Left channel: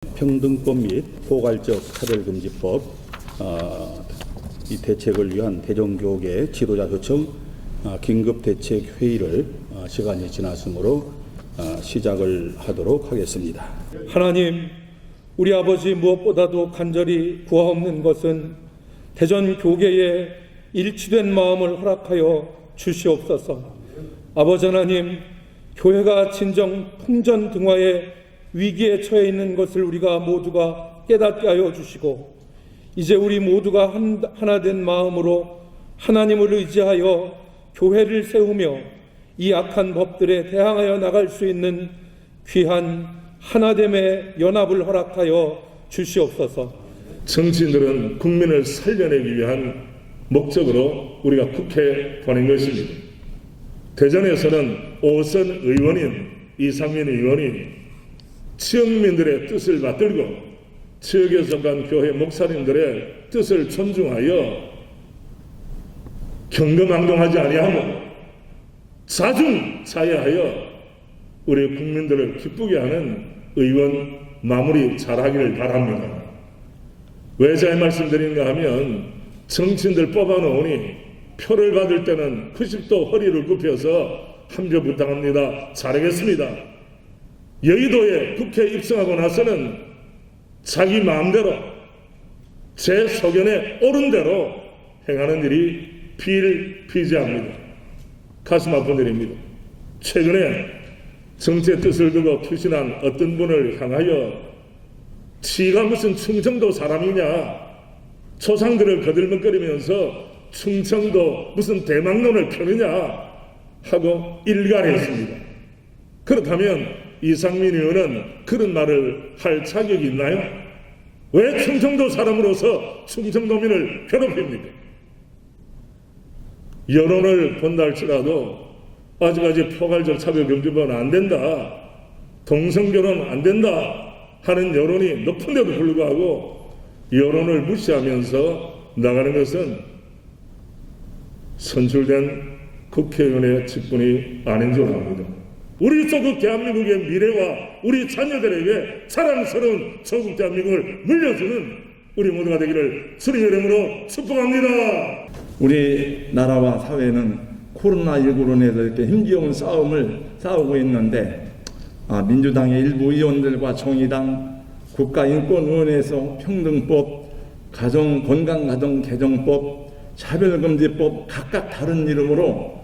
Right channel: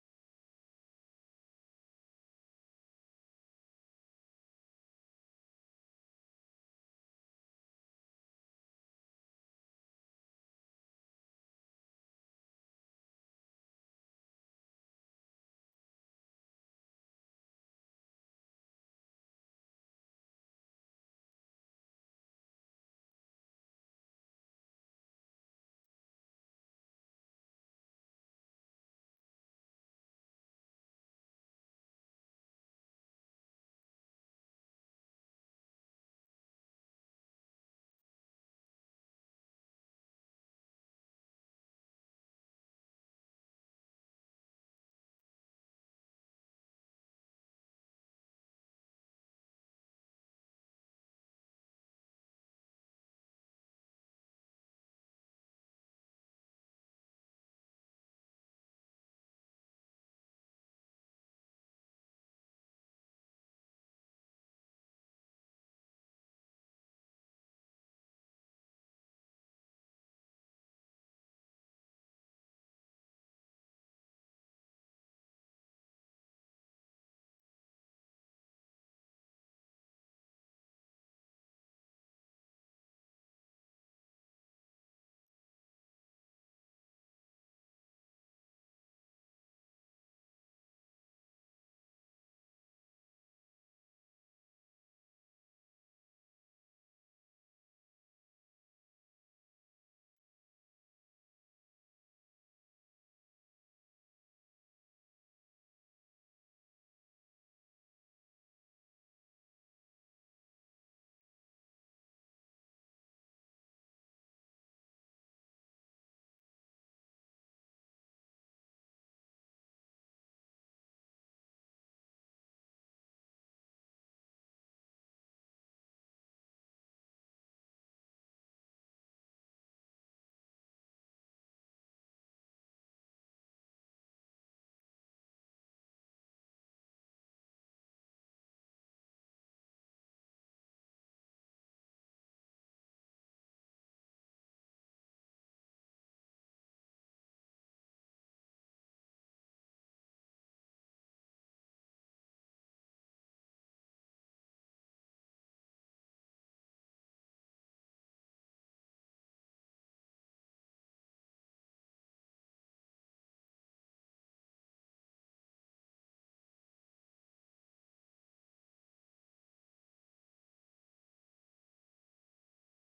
평등법 및 포괄적 차별금지법 이 대책을 위한 대전교계 지도자 요청 긴급대책회의를 시간이 지났으므로 시작을 하도록 하겠습니다. 하나님, 우리 아버지 무엇보다도 간절히 구하옵는 것은 대전교계에 일치된 마음을 허락하여 주시옵소서. 아버지 하나님, 교회가 진정 풍전등화의 위기에 처해 있는 것을 우리가 모두가 깨닫게 하여 주시고, 이제 우리 모두가 하나된 마음으로 하나님을 의지하여 교회를 세우며 이 악한 법들에 대항하여 나갈 수 있는 귀한 하나됨의 연합을 허락하여 주시옵소서. 정치인들은 국민을 살려내기 위한 목적으로 우리가 국회에 보낸 것입니다. 대전에서는 오선 의원인 이상민 의원이 지역민들의 뜻을 받들고 지역에 속한 교회 목사님들의 뜻을 존중하여 경거망동하지 아니하고 자중자애하여 우리 국민들을 기쁘게 하는 의원 마무리 잘하기를 바랍니다. 왜 잘 말씀드리는가 하면 정치인들 뽑아놓으니 표를 받을 때는 90도 허리를 굽혀서 한 표 부탁합니다. 잘하겠습니다. 여의도에 국회에 입성하고 나서는 자기 마음대로 제 소견에 옳은 대로 행하는 일이 비일비재합니다. 가슴 아픈 일입니다. 최근에 정치의 뜻을 두고 투신한 어떤 분을 향하여 지가 무슨 충청도 사람이냐, 초상들을 거들먹거리면서 충청도 무슨 대망론을 펴느냐 하고 일갈했습니다. 그렇다면 이상민 의원은 그런 말을 할 자격이 있나요? 왜 충청도 사람으로서 충청도민을 괴롭힙니까? 여론을 본다 할지라도 아직까지 포괄적 차별금지법은 안 된다, 동성결혼 안 된다 하는 여론이 높은데도 불구하고 여론을 무시하면서 나가는 것은 선출된 국회의원의 직분이 아닌 줄 압니다. 우리 조국 대한민국의 미래와 우리 자녀들에게 자랑스러운 조국 대한민국을 물려주는 우리 모두가 되기를 주님의 이름으로 축복합니다. 우리 나라와 사회는 코로나19로 인해서 이렇게 힘겨운 싸움을 싸우고 있는데 민주당의 일부 의원들과 정의당, 국가인권위원회에서 평등법, 건강가정개정법, 차별금지법 각각 다른 이름으로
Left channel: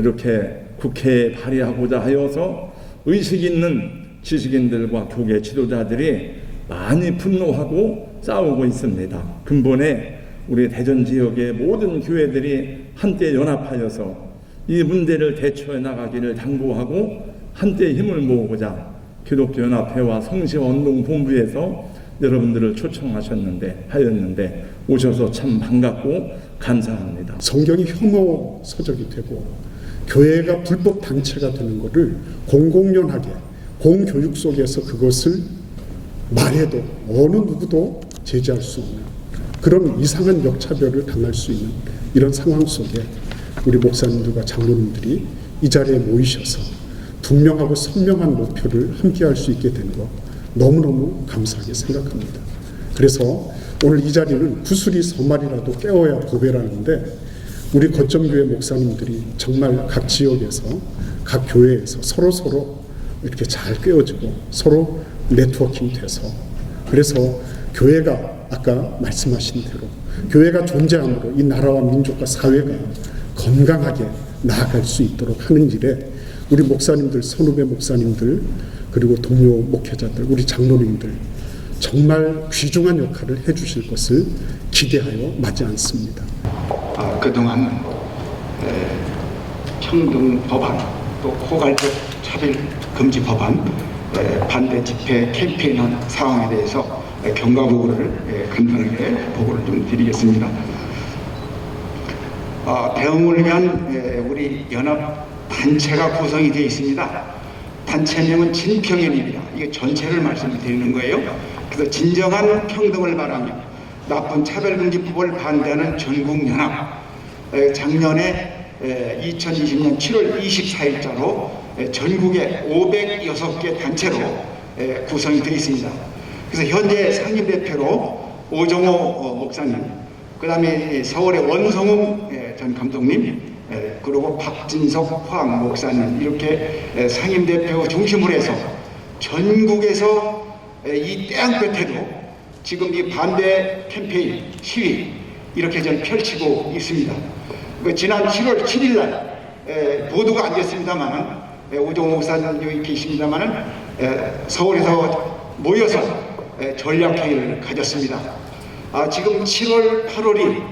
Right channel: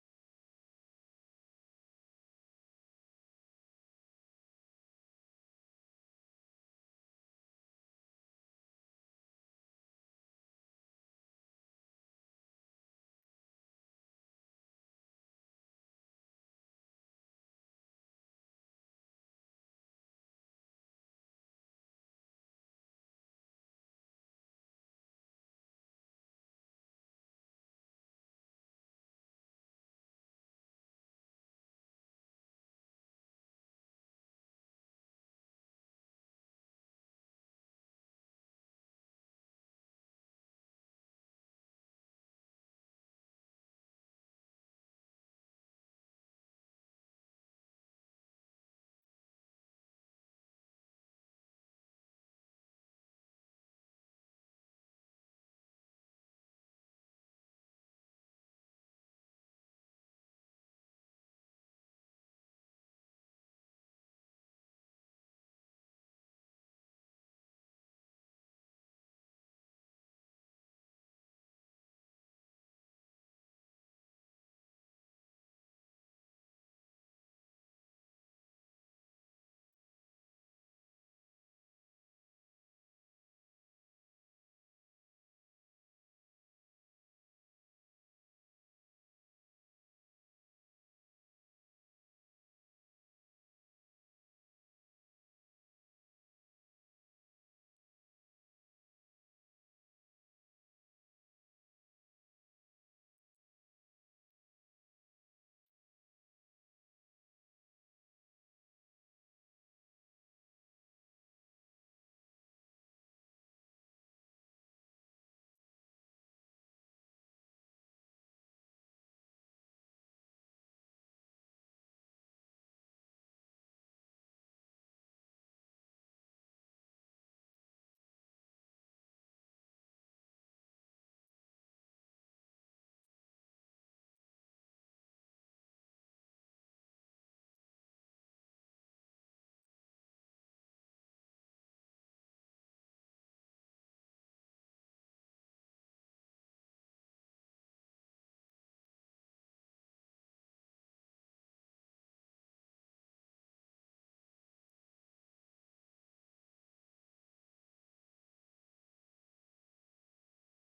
이렇게 국회에 발의하고자 하여서 의식 있는 지식인들과 교계 지도자들이 많이 분노하고 싸우고 있습니다. 근본에 우리 대전 지역의 모든 교회들이 한때 연합하여서 이 문제를 대처해 나가기를 당부하고 한때 힘을 모으고자 기독교연합회와 성시운동본부에서 여러분들을 하였는데 오셔서 참 반갑고 감사합니다. 성경이 혐오 서적이 되고 교회가 불법 단체가 되는 것을 공공연하게 공교육 속에서 그것을 말해도 어느 누구도 제지할 수 없는 그런 이상한 역차별을 당할 수 있는 이런 상황 속에 우리 목사님들과 장로님들이 이 자리에 모이셔서 분명하고 선명한 목표를 함께할 수 있게 된 것 너무너무 감사하게 생각합니다. 그래서 오늘 이 자리는 구슬이 서말이라도 깨워야 보배라는데 우리 거점교회 목사님들이 정말 각 지역에서 각 교회에서 서로 이렇게 잘 깨워지고 서로 네트워킹 돼서 그래서 교회가 아까 말씀하신 대로 교회가 존재함으로 이 나라와 민족과 사회가 건강하게 나아갈 수 있도록 하는 일에 우리 목사님들, 선후배 목사님들 그리고 동료 목회자들, 우리 장로님들 정말 귀중한 역할을 해주실 것을 기대하여 마지 않습니다. 그동안 평등 법안, 또 포괄적 차별 금지 법안 반대 집회 캠페인한 상황에 대해서 경과보고를 간단하게 보고를 좀 드리겠습니다. 대응을 위한 우리 연합 단체가 구성이 되어 있습니다. 단체명은 진평연입니다. 이게 전체를 말씀을 드리는 거예요. 그래서 진정한 평등을 바라며 나쁜 차별금지법을 반대하는 전국연합, 작년에 2020년 7월 24일자로 전국에 506개 단체로 구성이 되어 있습니다. 그래서 현재 상임대표로 오정호 목사님, 그 다음에 서울의 원성웅 전 감독님, 그리고 박진석 화학 목사님, 이렇게 상임대표 중심으로 해서 전국에서 이 땅끝에도 지금 이 반대 캠페인 시위 이렇게 좀 펼치고 있습니다. 지난 7월 7일 날 보도가 안 됐습니다만은 오정호 목사님 여기 계십니다만은 서울에서 모여서 전략회의를 가졌습니다. 지금 7월 8월이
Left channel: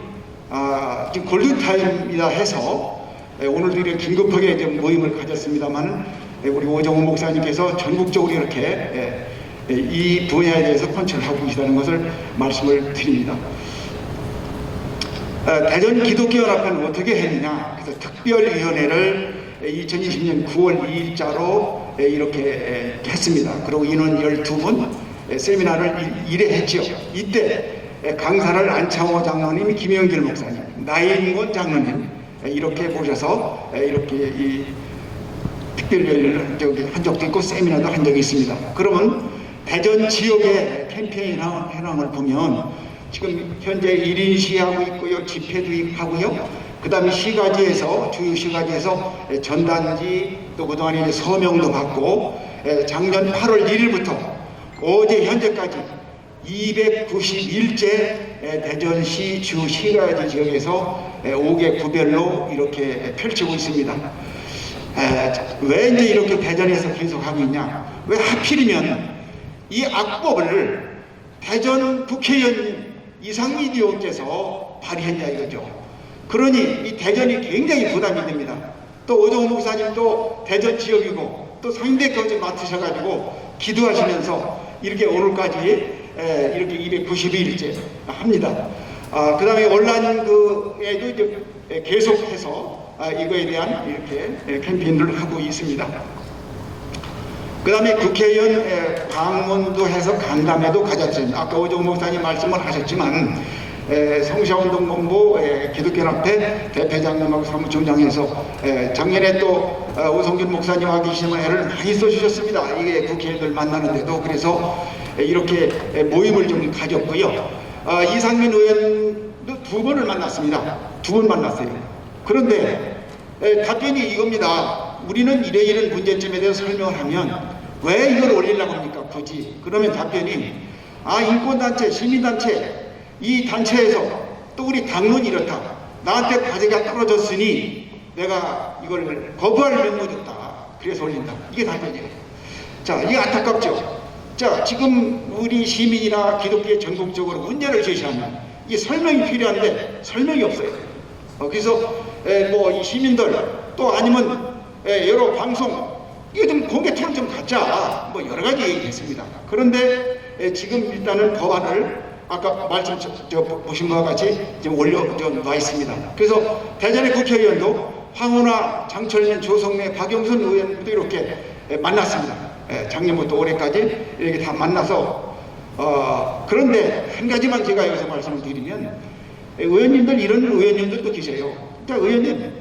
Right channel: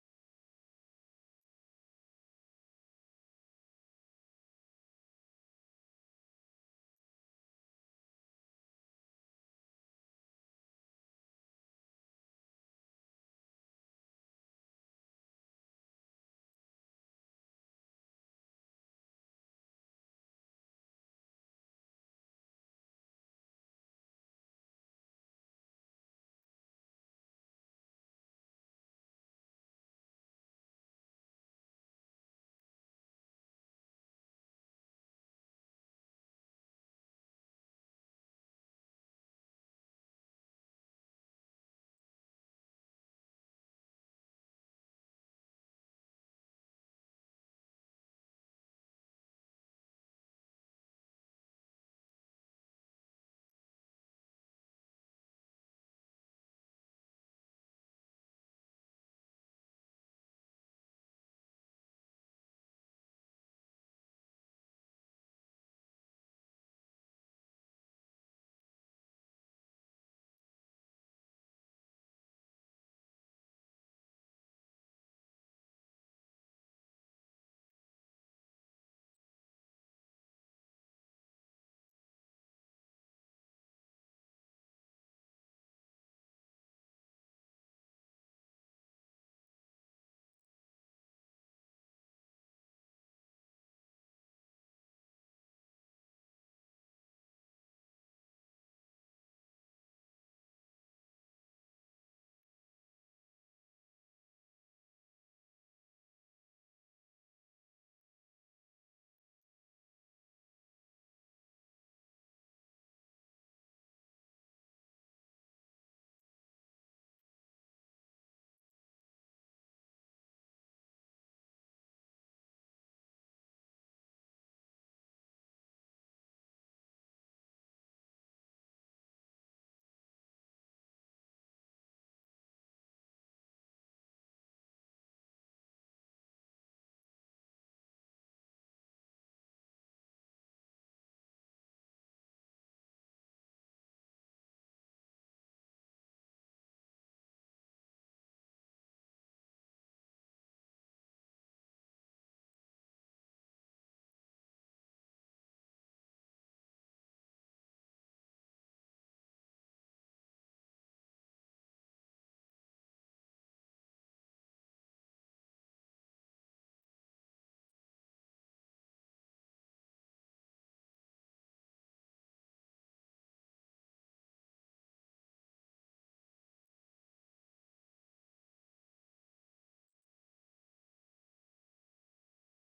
지금 골든타임이라 해서 오늘도 이렇게 긴급하게 좀 모임을 가졌습니다만은 우리 오정호 목사님께서 전국적으로 이렇게 이 분야에 대해서 컨트롤 하고 계시다는 것을 말씀을 드립니다. 대전 기독교연합회는 어떻게 했느냐? 그래서 특별위원회를 2020년 9월 2일자로 이렇게 했습니다. 그리고 인원 12분 세미나를 1회 했죠. 이때 강사를 안창호 장로님, 김영길 목사님, 나인권 장로님 이렇게 모셔서 이렇게 이 특별위원회를 한 적도 있고 세미나도 한 적이 있습니다. 그러면 대전 지역의 캠페인 현황을 보면 지금 현재 1인 시위하고 있고요, 집회도 하고요. 그 다음에 시가지에서, 주요 시가지에서 전단지, 또 그동안에 이제 서명도 받고, 작년 8월 1일부터 어제 현재까지 291째 대전시 주 시가지 지역에서 5개 구별로 이렇게 펼치고 있습니다. 왜 이제 이렇게 대전에서 계속 하고 있냐? 왜 하필이면 이 악법을 대전 국회의원 이상민 의원께서 발의했냐 이거죠. 그러니 이 대전이 굉장히 부담이 됩니다. 또 오정호 목사님도 대전 지역이고 또 상임대표까지 맡으셔가지고 기도하시면서 이렇게 오늘까지 이렇게 292일째 합니다. 그 다음에 온라인에도 이제 계속해서 이거에 대한 이렇게 캠페인을 하고 있습니다. 그 다음에 국회의원 방문도 해서 간담회도 가졌습니다. 아까 오정호 목사님 말씀을 하셨지만 성시아운동본부 기독교연합회 대표장님하고 사무총장에서 작년에 또 오성균 목사님 와 계시면 애를 많이 써주셨습니다. 이게 국회의원들 만나는데도. 그래서 이렇게 모임을 좀 가졌고요. 이상민 의원도 2번을 만났습니다. 2번 만났어요. 그런데 답변이 이겁니다. 우리는 이런 문제점에 대해서 설명을 하면 왜 이걸 올리려고 합니까? 굳이. 그러면 답변이 인권단체, 시민단체, 이 단체에서 또 우리 당론이 이렇다. 나한테 과제가 떨어졌으니 내가 이걸 거부할 면목이 없다. 그래서 올린다. 이게 답변이에요. 자, 이게 안타깝죠. 자, 지금 우리 시민이나 기독교의 전국적으로 문제를 제시하면 이게 설명이 필요한데 설명이 없어요. 그래서 뭐 이 시민들 또 아니면 여러 방송 이거 좀 공개 토론 좀 갖자. 뭐 여러 가지 얘기했습니다. 그런데 지금 일단은 법안을 아까 말씀 보신 것과 같이 지금 올려놔 있습니다. 그래서 대전의 국회의원도 황운하, 장철민, 조성래, 박영선 의원도 이렇게 만났습니다. 작년부터 올해까지 이렇게 다 만나서 그런데 한 가지만 제가 여기서 말씀을 드리면 의원님들 이런 의원님들도 계세요. 그러니까 의원님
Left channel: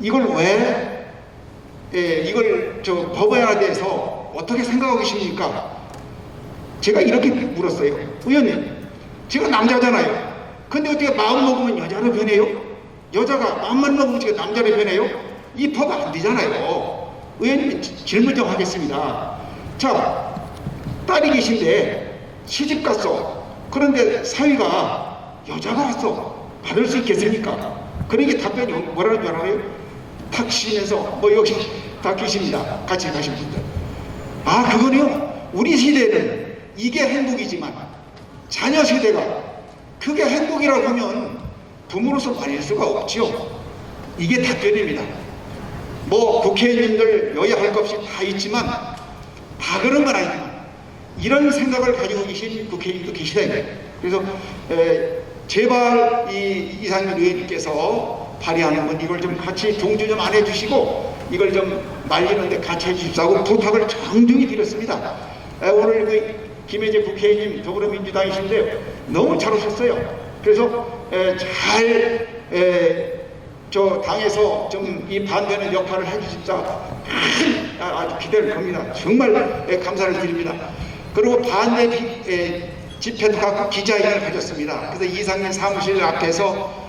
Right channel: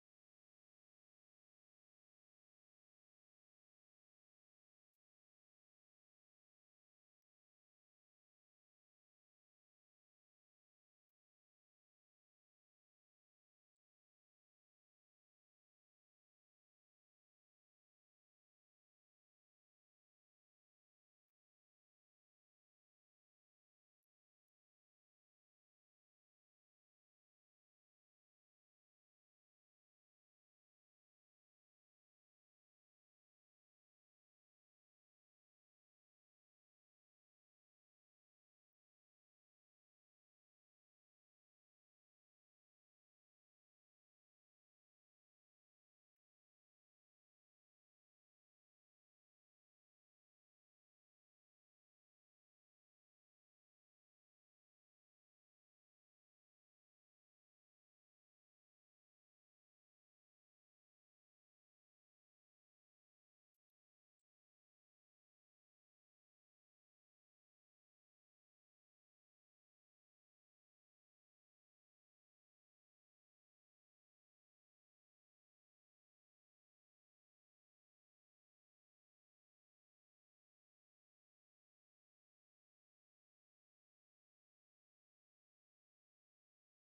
이걸 왜 이걸 법안에 대해서 어떻게 생각하고 계십니까? 제가 이렇게 물었어요. 의원님, 제가 남자잖아요. 근데 어떻게 마음 먹으면 여자로 변해요? 여자가 마음만 먹으면 어떻게 남자로 변해요? 이 법 안 되잖아요. 의원님 질문 좀 하겠습니다. 자, 딸이 계신데 시집 갔어. 그런데 사위가 여자가 왔어. 받을 수 있겠습니까? 그러니까 답변이 뭐라는 줄 알아요? 탁 쉬면서 뭐 여기 다 계십니다. 같이 가신 분들. 그거는요. 우리 시대는 이게 행복이지만 자녀 세대가 그게 행복이라고 하면 부모로서 말릴 수가 없지요. 이게 답변입니다. 뭐 국회의원님들 여야 할 것 없이 다 있지만 다 그런 건 아니지만 이런 생각을 가지고 계신 국회의원도 계시다 이거예요. 그래서 제발 이 이상민 의원님께서 발의하는 건 이걸 좀 같이 동조 좀 안 해주시고 이걸 좀 말리는데 같이 해주십사고 부탁을 정중히 드렸습니다. 오늘 그 김혜재 국회의원님 더불어민주당이신데 너무 잘 오셨어요. 그래서 잘 당에서 좀 이 반대하는 역할을 해주십사 아주 기대를 겁니다. 정말 감사를 드립니다. 그리고 반대 집회도 갖고 기자회견을 가졌습니다. 그래서 이상민 사무실 앞에서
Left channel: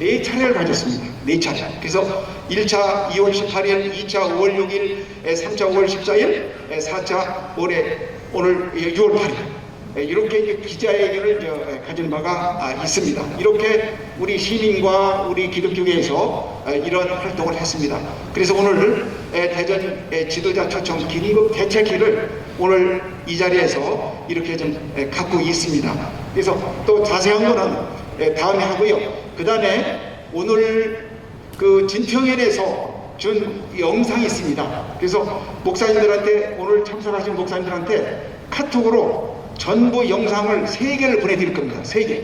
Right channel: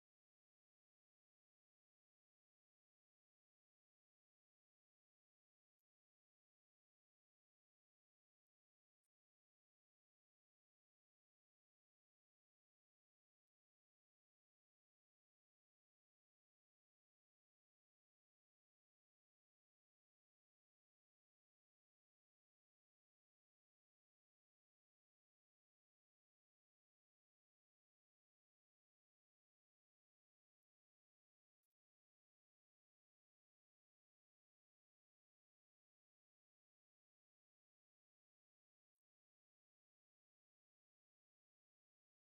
4차례를 가졌습니다. 4차례. 그래서 1차 2월 18일, 2차 5월 6일, 3차 5월 14일, 4차 오늘 6월 8일. 이렇게 이제 기자회견을 가진 바가 있습니다. 이렇게 우리 시민과 우리 기독교계에서 이런 활동을 했습니다. 그래서 오늘 대전 지도자 초청 긴급 대책회를 오늘 이 자리에서 이렇게 좀 갖고 있습니다. 그래서 또 자세한 거는 다음에 하고요. 그 다음에 오늘 그 진평회에서 준 영상이 있습니다. 그래서 목사님들한테 오늘 참석하신 목사님들한테 카톡으로 전부 영상을 3개를 보내드릴 겁니다. 3개.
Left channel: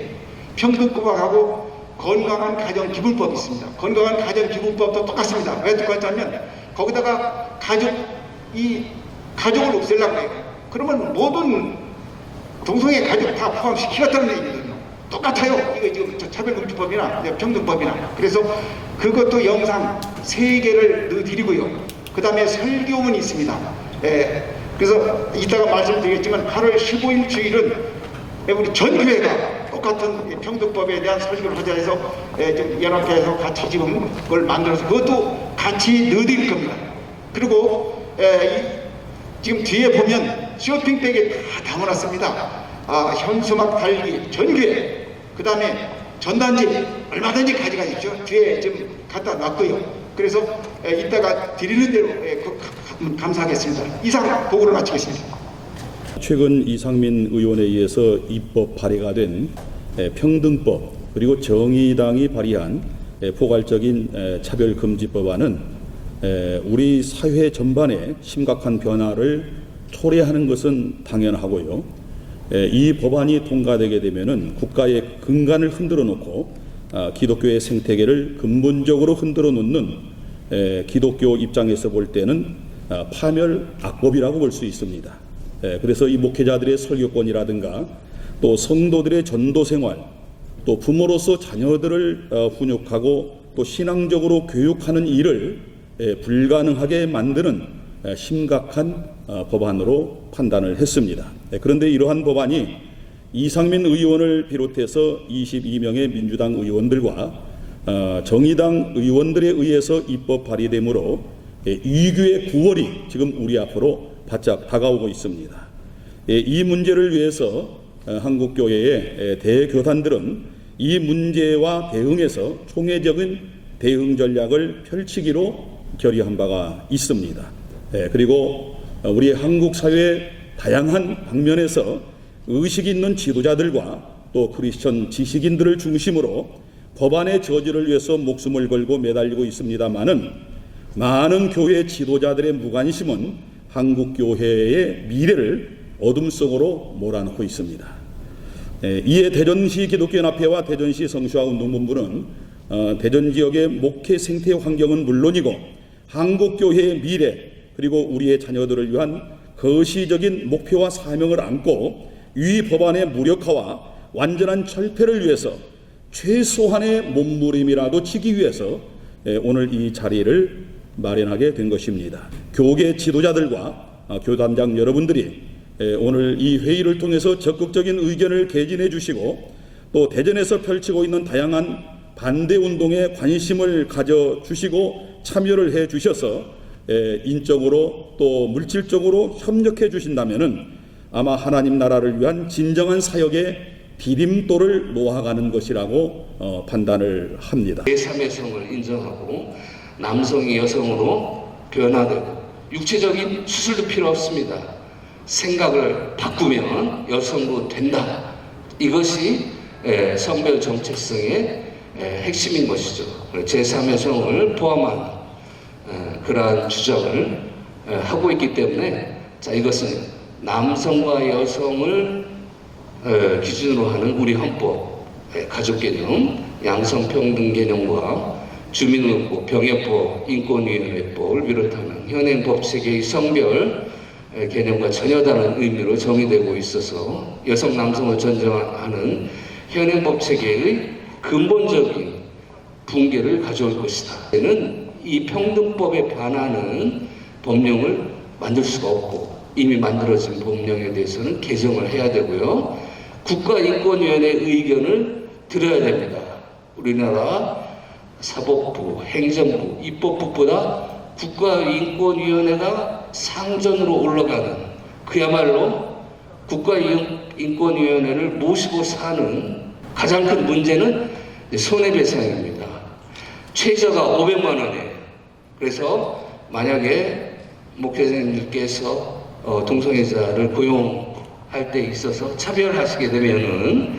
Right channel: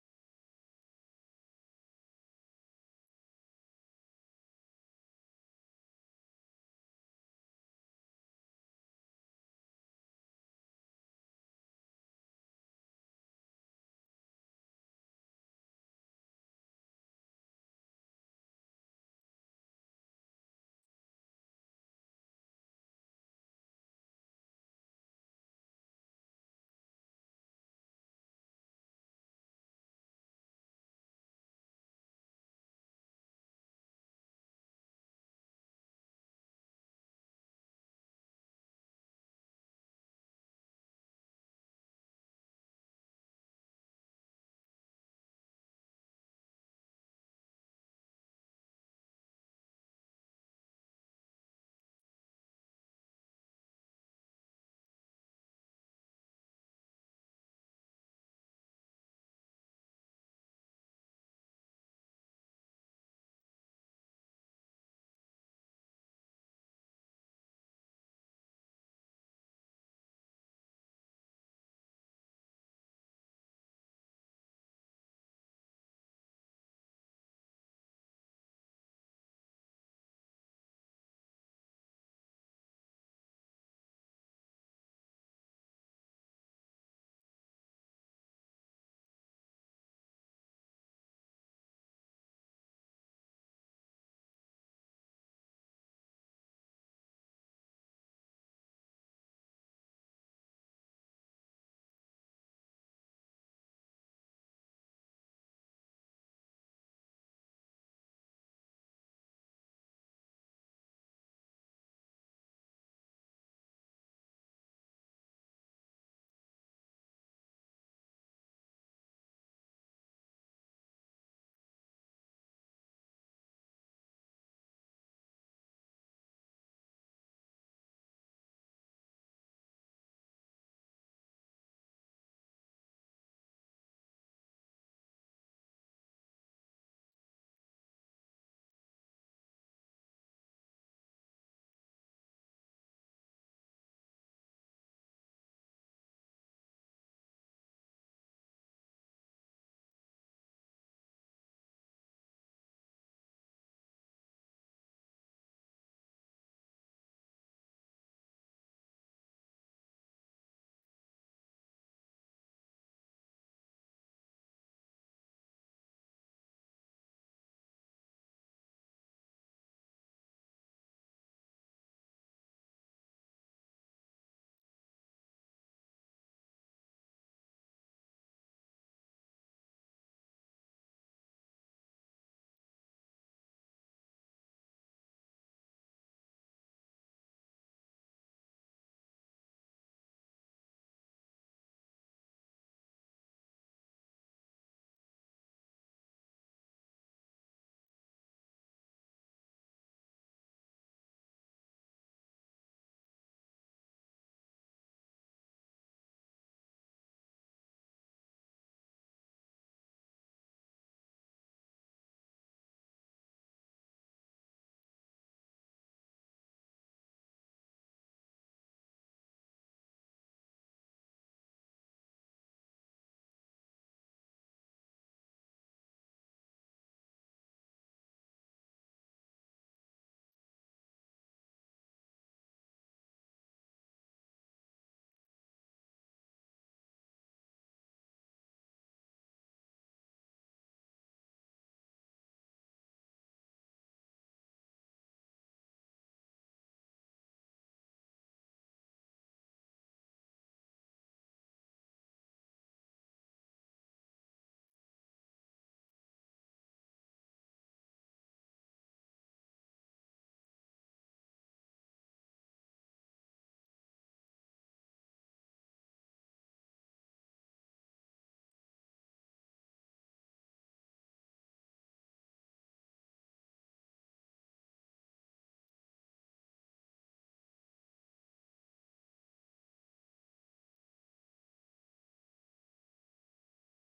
평등구박하고 건강한 가정기분법이 있습니다. 건강한 가정기분법도 똑같습니다. 왜 똑같냐면 거기다가 가족을 없애려고 해요. 그러면 모든 동성애 가족 다 포함시키겠다는 얘기거든요. 똑같아요. 이거 지금 차별금지법이나 평등법이나. 그래서 그것도 영상 3개를 넣어드리고요. 그 다음에 설교문이 있습니다. 그래서 이따가 말씀드리겠지만 8월 15일 주일은 우리 전 교회가 똑같은 평등법에 대한 설교를 하자 해서 좀 연합회에서 같이 지금 그걸 만들어서 그것도 같이 넣어드릴 겁니다. 그리고 지금 뒤에 보면 쇼핑백에 다 담아놨습니다. 현수막 달기 전교회, 그 다음에 전단지 얼마든지 가져가십시오. 뒤에 좀 갖다 놨고요. 그래서 이따가 드리는 대로 감사하겠습니다. 이상 보고를 마치겠습니다. 최근 이상민 의원에 의해서 입법 발의가 된 평등법 그리고 정의당이 발의한 포괄적인 차별금지법안은 우리 사회 전반에 심각한 변화를 초래하는 것은 당연하고요. 이 법안이 통과되게 되면은 국가의 근간을 흔들어 놓고 기독교의 생태계를 근본적으로 흔들어 놓는 기독교 입장에서 볼 때는 파멸악법이라고 볼 수 있습니다. 그래서 이 목회자들의 설교권이라든가 또 성도들의 전도생활, 또 부모로서 자녀들을 훈육하고 또 신앙적으로 교육하는 일을 불가능하게 만드는 심각한 법안으로 판단을 했습니다. 그런데 이러한 법안이 이상민 의원을 비롯해서 22명의 민주당 의원들과 정의당 의원들에 의해서 입법 발의되므로 이규의 9월이 지금 우리 앞으로 바짝 다가오고 있습니다. 이 문제를 위해서 한국교회의 대교단들은 이 문제와 대응해서 총회적인 대응 전략을 펼치기로 결의한 바가 있습니다. 그리고 우리 한국 사회의 다양한 방면에서 의식 있는 지도자들과 또 크리스천 지식인들을 중심으로 법안의 저지를 위해서 목숨을 걸고 매달리고 있습니다마는 많은 교회 지도자들의 무관심은 한국 교회의 미래를 어둠 속으로 몰아넣고 있습니다. 이에 대전시 기독교연합회와 대전시 성수화운동본부는 대전 지역의 목회 생태 환경은 물론이고 한국 교회의 미래 그리고 우리의 자녀들을 위한 거시적인 목표와 사명을 안고 이 법안의 무력화와 완전한 철폐를 위해서 최소한의 몸부림이라도 치기 위해서 오늘 이 자리를 마련하게 된 것입니다. 교계 지도자들과 교단장 여러분들이 오늘 이 회의를 통해서 적극적인 의견을 개진해 주시고 또 대전에서 펼치고 있는 다양한 반대 운동에 관심을 가져주시고 참여를 해 주셔서 인적으로 또 물질적으로 협력해 주신다면은 아마 하나님 나라를 위한 진정한 사역의 디딤돌을 놓아가는 것이라고 판단을 합니다. 제3의 성을 인정하고 남성이 여성으로 변화되고 육체적인 수술도 필요 없습니다. 생각을 바꾸면 여성도 된다. 이것이 성별 정체성의 핵심인 것이죠. 제3의 성을 포함한 그러한 주장을 하고 있기 때문에 이것은 남성과 여성을 기준으로 하는 우리 헌법, 가족개념, 양성평등 개념과 주민등록법, 병역법, 인권위원회법을 비롯하는 현행법 체계의 성별 개념과 전혀 다른 의미로 정의되고 있어서 여성, 남성을 존중하는 현행법 체계의 근본적인 붕괴를 가져올 것이다. 이 평등법에 반하는 법령을 만들 수가 없고 이미 만들어진 법령에 대해서는 개정을 해야 되고요. 국가인권위원회 의견을 들어야 됩니다. 우리나라 사법부, 행정부, 입법부보다 국가인권위원회가 상전으로 올라가는, 그야말로 국가인권위원회를 모시고 사는 가장 큰 문제는 손해배상입니다. 최저가 500만 원이에요. 그래서 만약에 목회자님께서 동성애자를 고용할 때 있어서 차별하시게 되면은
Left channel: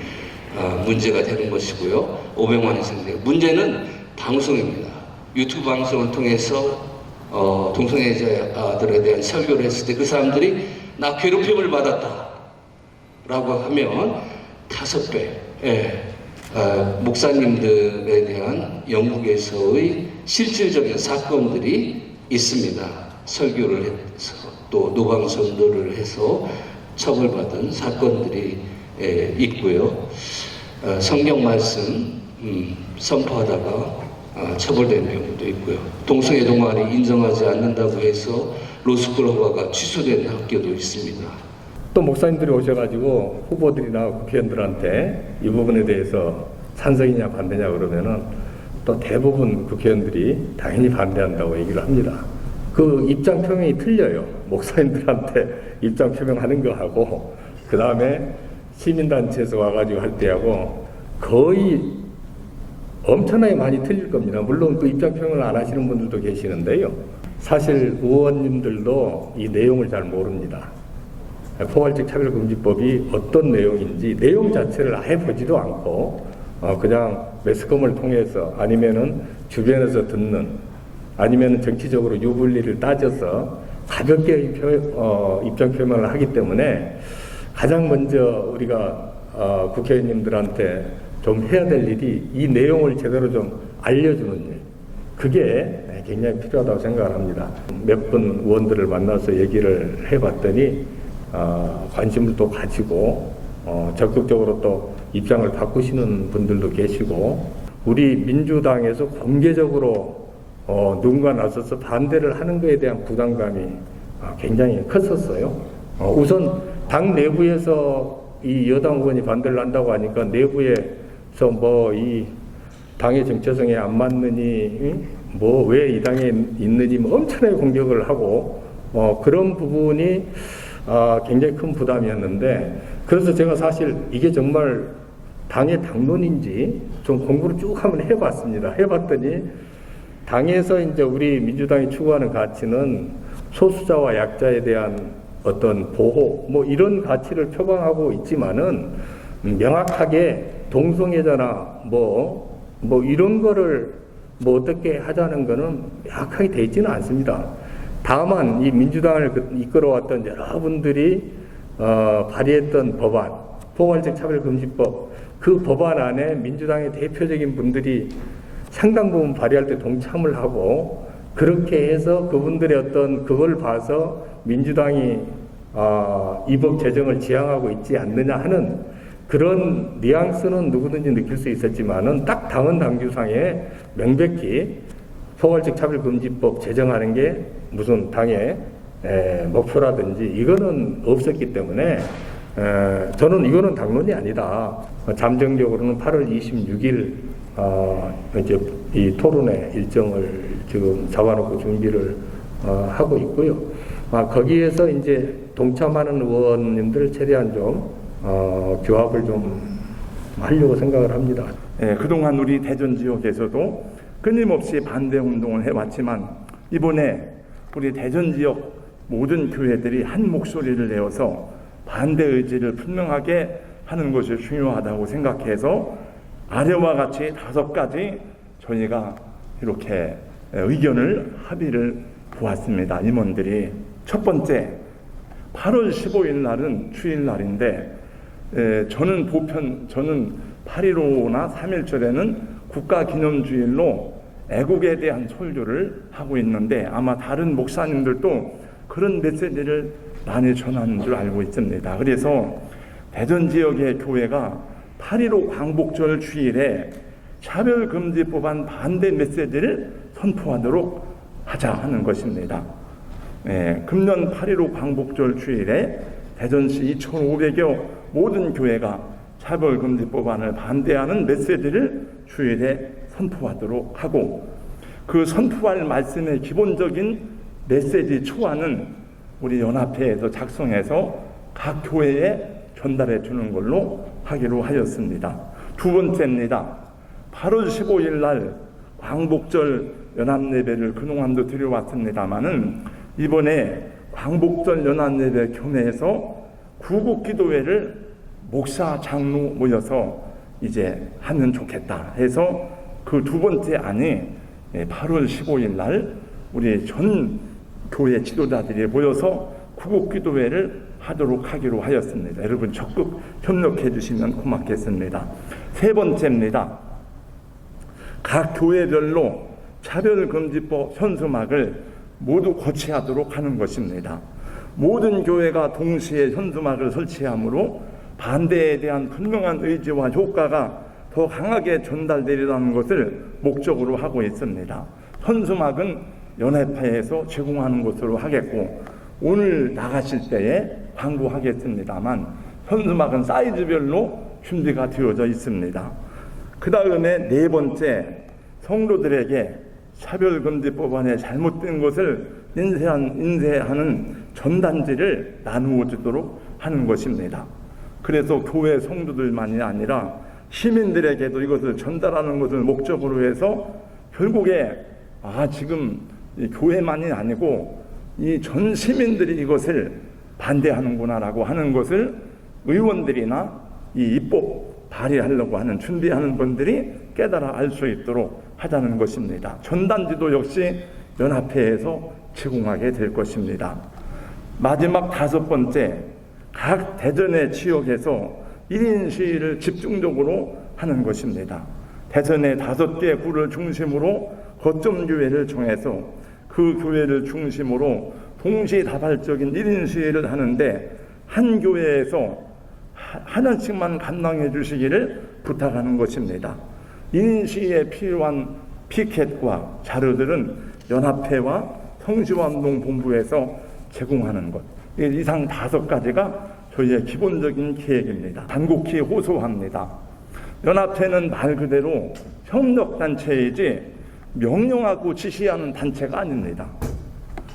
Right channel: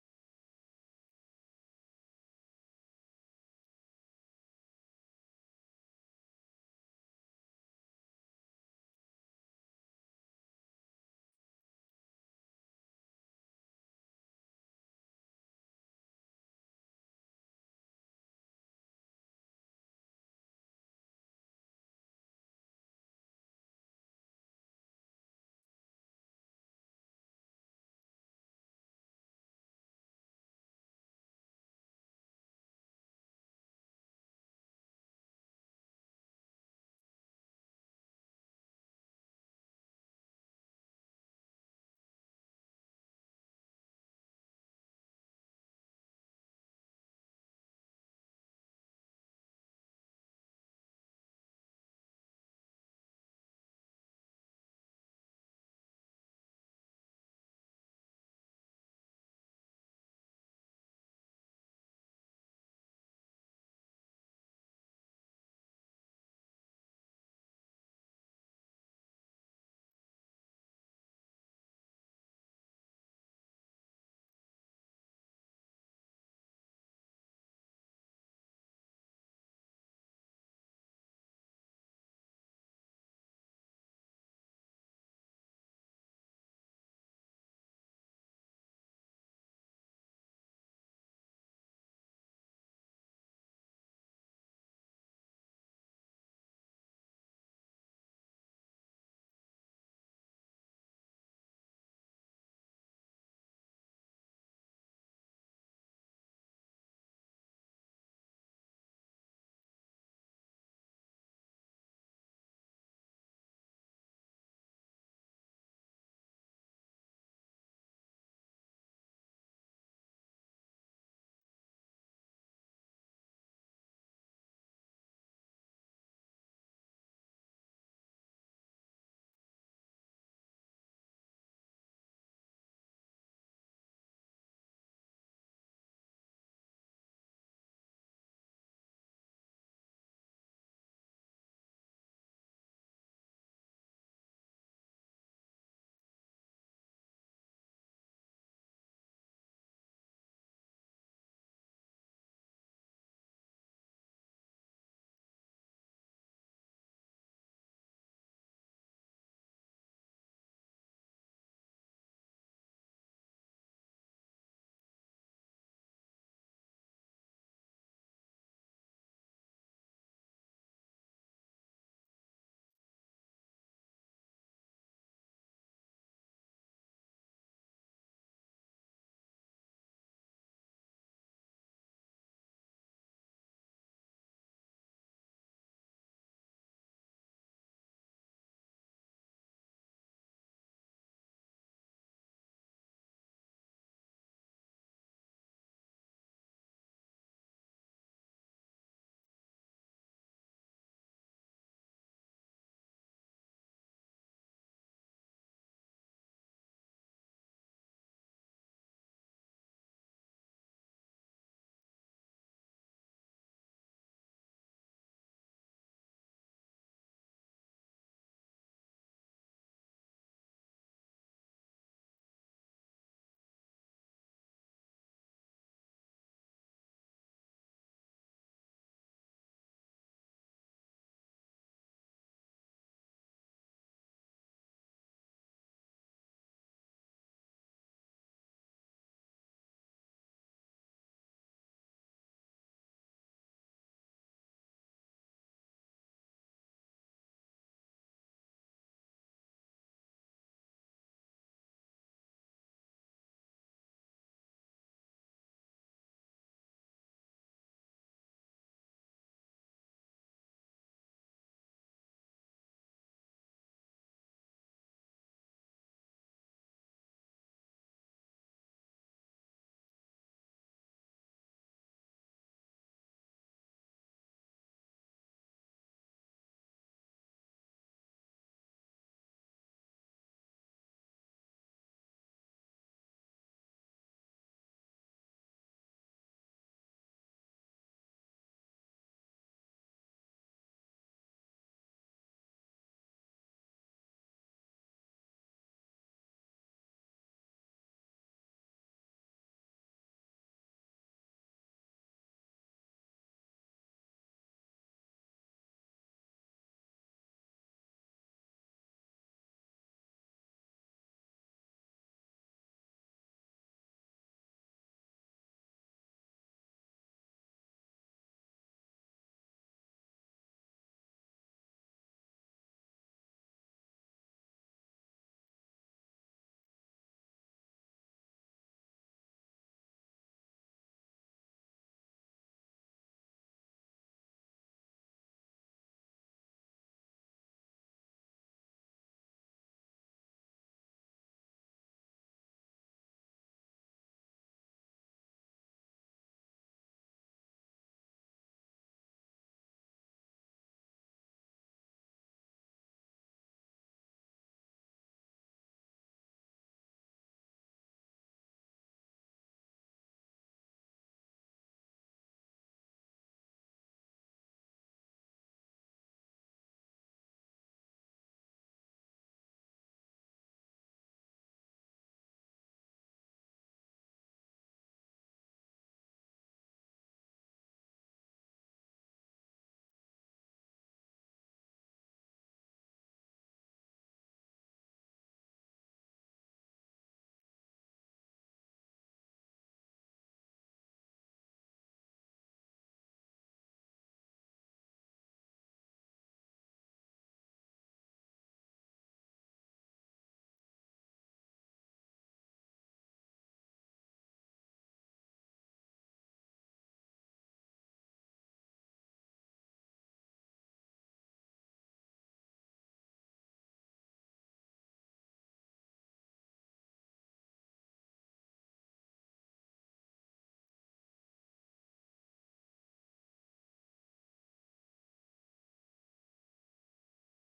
문제가 되는 것이고요. 500만 원 이상인데, 문제는 방송입니다. 유튜브 방송을 통해서 동성애자들에 대한 설교를 했을 때 그 사람들이 나 괴롭힘을 받았다 라고 하면 5배, 목사님들에 대한 영국에서의 실질적인 사건들이 있습니다. 설교를 해서 또 노방선도를 해서 처벌받은 사건들이 있고요. 성경 말씀 선포하다가 처벌된 경우도 있고요. 동성애 동아리 인정하지 않는다고 해서 로스쿨 허가가 취소된 학교도 있습니다. 또 목사님들이 오셔가지고 후보들이나 국회의원들한테 이 부분에 대해서 찬성이냐 반대냐 그러면은 또 대부분 국회의원들이 당연히 반대한다고 얘기를 합니다. 그 입장 표명이 틀려요. 목사님들한테 입장 표명하는 거하고 그 다음에 시민단체에서 와가지고 할 때하고 거의 엄청나게 많이 틀릴 겁니다. 물론 그 입장 표명을 안 하시는 분들도 계시는데요. 사실 의원님들도 이 내용을 잘 모릅니다. 포괄적 차별금지법이 어떤 내용인지 내용 자체를 아예 보지도 않고 그냥 매스컴을 통해서 아니면은 주변에서 듣는 아니면은 정치적으로 유불리를 따져서 가볍게 입장 표명을 하기 때문에 가장 먼저 우리가 국회의원님들한테 좀 해야 될 일이 이 내용을 제대로 좀 알려주는 일, 그게 굉장히 필요하다고 생각을 합니다. 몇 분 의원들을 만나서 얘기를 해봤더니 관심을 또 가지고 적극적으로 또 입장을 바꾸시는 분들도 계시고, 우리 민주당에서 공개적으로 누군가 나서서 반대를 하는 것에 대한 부담감이 굉장히 컸었어요. 우선 당 내부에서 이 여당 의원이 반대를 한다고 하니까 내부에서 뭐 이 당의 정체성에 안 맞느니 뭐 왜 이 당에 있느니 뭐 엄청나게 공격을 하고 그런 부분이 굉장히 큰 부담이었는데, 그래서 제가 사실 이게 정말 당의 당론인지 좀 공부를 쭉 한번 해봤습니다. 해봤더니 당에서 이제 우리 민주당이 추구하는 가치는 소수자와 약자에 대한 어떤 보호 뭐 이런 가치를 표방하고 있지만은 명확하게 동성애자나 뭐 이런 거를 뭐 어떻게 하자는 거는 명확하게 되어 있지는 않습니다. 다만 이 민주당을 이끌어왔던 여러분들이 발의했던 법안, 포괄적 차별금지법, 그 법안 안에 민주당의 대표적인 분들이 상당 부분 발의할 때 동참을 하고, 그렇게 해서 그분들의 어떤 그걸 봐서 민주당이 이 법 제정을 지향하고 있지 않느냐 하는 그런 뉘앙스는 누구든지 느낄 수 있었지만은 딱 당헌 당규상에 명백히 포괄적 차별금지법 제정하는 게 무슨 당의 목표라든지 이거는 없었기 때문에 저는 이거는 당론이 아니다. 잠정적으로는 8월 26일 이제 이 토론회 일정을 지금 잡아놓고 준비를 하고 있고요. 거기에서 이제 동참하는 의원님들 최대한 좀 규합을 좀 하려고 생각을 합니다. 그동안 우리 대전 지역에서도 끊임없이 반대 운동을 해왔지만 이번에 우리 대전 지역 모든 교회들이 한 목소리를 내어서 반대 의지를 분명하게 하는 것이 중요하다고 생각해서 아래와 같이 5가지 저희가 이렇게 의견을 합의를 보았습니다. 임원들이. 첫 번째, 8월 15일 날은 주일날인데 저는 8.15나 3.1절에는 국가기념주일로 애국에 대한 설교를 하고 있는데 아마 다른 목사님들도 그런 메시지를 많이 전하는 줄 알고 있습니다. 그래서 대전 지역의 교회가 8.15 광복절 주일에 차별금지법안 반대 메시지를 선포하도록 하자 하는 것입니다. 금년 8.15 광복절 주일에 대전시 2,500여 모든 교회가 차별금지법안을 반대하는 메시지를 주일에 선포하도록 하고, 그 선포할 말씀의 기본적인 메시지 초안은 우리 연합회에서 작성해서 각 교회에 전달해 주는 걸로 하기로 하였습니다. 두 번째입니다. 8월 15일 날 광복절 연합예배를 그동안도 드려왔습니다마는 이번에 광복절 연합예배 교내에서 구국기도회를 목사 장로 모여서 이제 하면 좋겠다 해서 그 두 번째 안이 8월 15일 날 우리 전 교회 지도자들이 모여서 구국기도회를 하도록 하기로 하였습니다. 여러분 적극 협력해 주시면 고맙겠습니다. 세 번째입니다. 각 교회별로 차별금지법 현수막을 모두 거치하도록 하는 것입니다. 모든 교회가 동시에 현수막을 설치하므로 반대에 대한 분명한 의지와 효과가 더 강하게 전달되리라는 것을 목적으로 하고 있습니다. 현수막은 연합회에서 제공하는 것으로 하겠고, 오늘 나가실 때에 광고하겠습니다만 현수막은 사이즈별로 준비가 되어져 있습니다. 그 다음에 네 번째, 성도들에게 차별금지법안에 잘못된 것을 인쇄하는 전단지를 나누어 주도록 하는 것입니다. 그래서 교회 성도들만이 아니라 시민들에게도 이것을 전달하는 것을 목적으로 해서 결국에 지금 이 교회만이 아니고 이 전 시민들이 이것을 반대하는구나라고 하는 것을 의원들이나 이 입법 발의하려고 하는 준비하는 분들이 깨달아 알 수 있도록 하자는 것입니다. 전단지도 역시 연합회에서 제공하게 될 것입니다. 마지막 다섯 번째, 각 대전의 지역에서 1인 시위를 집중적으로 하는 것입니다. 대전의 5개 구를 중심으로 거점 교회를 정해서 그 교회를 중심으로 동시다발적인 1인 시위를 하는데 한 교회에서 하나씩만 감당해 주시기를 부탁하는 것입니다. 1인 시위에 필요한 피켓과 자료들은 연합회와 성시화운동본부에서 제공하는 것, 이상 5가지가 저희의 기본적인 계획입니다. 단곡히 호소합니다. 연합회는 말 그대로 협력단체이지 명령하고 지시하는 단체가 아닙니다.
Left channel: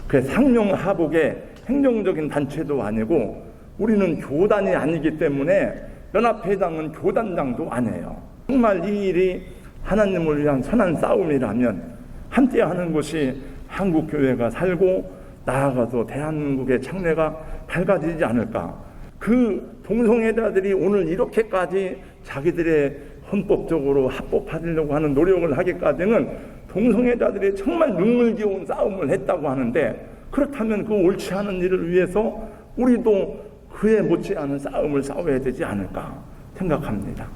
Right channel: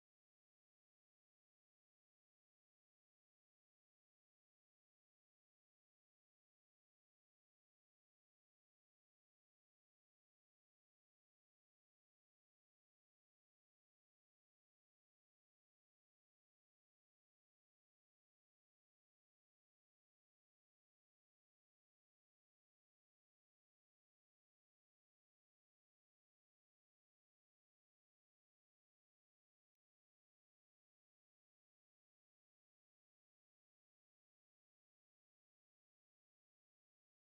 그 상명하복의 행정적인 단체도 아니고 우리는 교단이 아니기 때문에 연합회장은 교단장도 아니에요. 정말 이 일이 하나님을 위한 선한 싸움이라면 함께하는 것이 한국교회가 살고 나아가서 대한민국의 장래가 밝아지지 않을까. 그 동성애자들이 오늘 이렇게까지 자기들의 헌법적으로 합법화하려고 하는 노력을 하기까지는 동성애자들이 정말 눈물겨운 싸움을 했다고 하는데, 그렇다면 그 옳지 않은 일을 위해서 우리도 그에 못지않은 싸움을 싸워야 되지 않을까 생각합니다.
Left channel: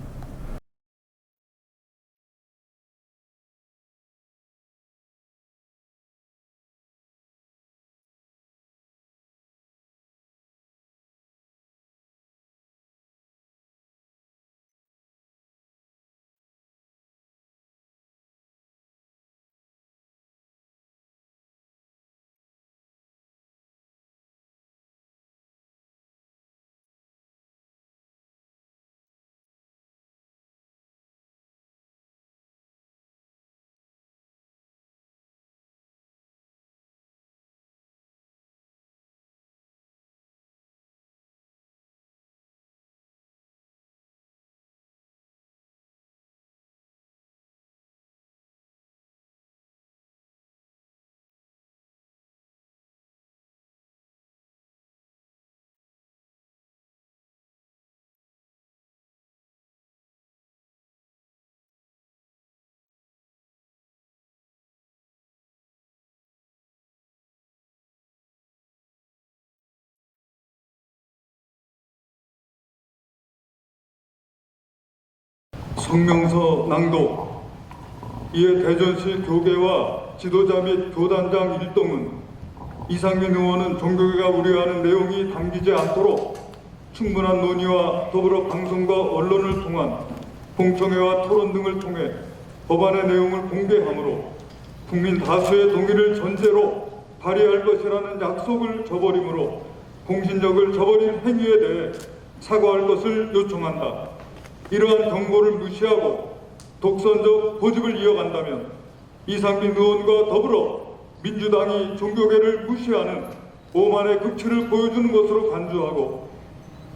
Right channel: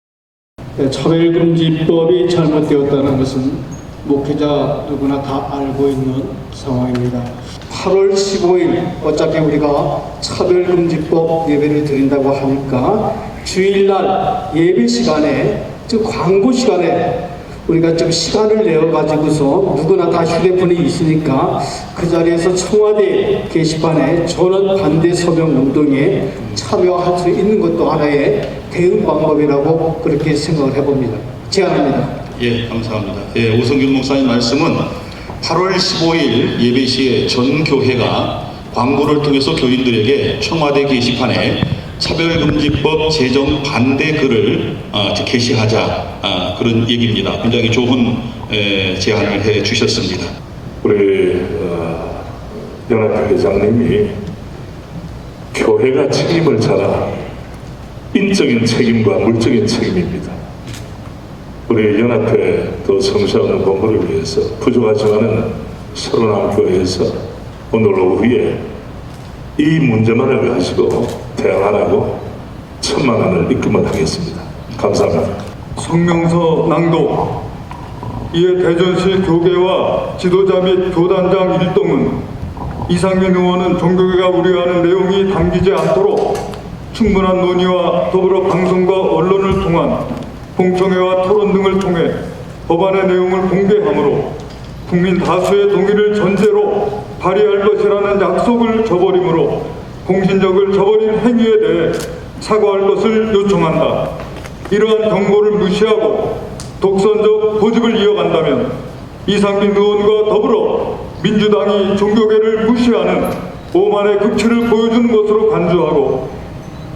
차별금지법이 잘못되었다는 것은 목회자 누구나 다 알고 있는 상황입니다. 8월 15일 어차피 우리가 차별금지법 예배를 드린다고 하니까 주일날 예배 시간에, 즉 광고 시간에 우리가 좀 시간을 내어가지고서 누구나 다 휴대폰이 있으니까 그 자리에서 청와대 게시판에 전원 반대 서명 운동에 참여할 수 있는 것도 하나의 대응 방법이라고 그렇게 생각을 해봅니다. 제안합니다. 예, 감사합니다. 예, 오성균 목사님 말씀은 8월 15일 예배 시에 전 교회가 광고를 통해서 교인들에게 청와대 게시판에 차별금지법 제정 반대 글을 게시하자, 그런 얘기입니다. 굉장히 좋은 제안을 해 주셨습니다. 우리 연합회 회장님이 교회가 책임을 져라, 인적인 책임과 물적인 책임입니다. 우리 연합회 또 성시하는 본부를 위해서 부족하지만은 서른한 교회에서 오늘 오후에 이 문제만을 가지고 대응하라고 1,000만 원을 입금을 하겠습니다. 감사합니다. 성명서 낭독. 이에 대전시 교계와 지도자 및 교단장 일동은 이상민 의원은 종교계가 우려하는 내용이 담기지 않도록 충분한 논의와 더불어 방송과 언론을 통한 공청회와 토론 등을 통해 법안의 내용을 공개하므로 국민 다수의 동의를 전제로 발휘할 것이라는 약속을 저버림으로 공신력을 저버린 행위에 대해 사과할 것을 요청한다. 이러한 경고를 무시하고 독선적 고집을 이어간다면 이상민 의원과 더불어 민주당이 종교계를 무시하는 오만의 극치를 보여주는 것으로 간주하고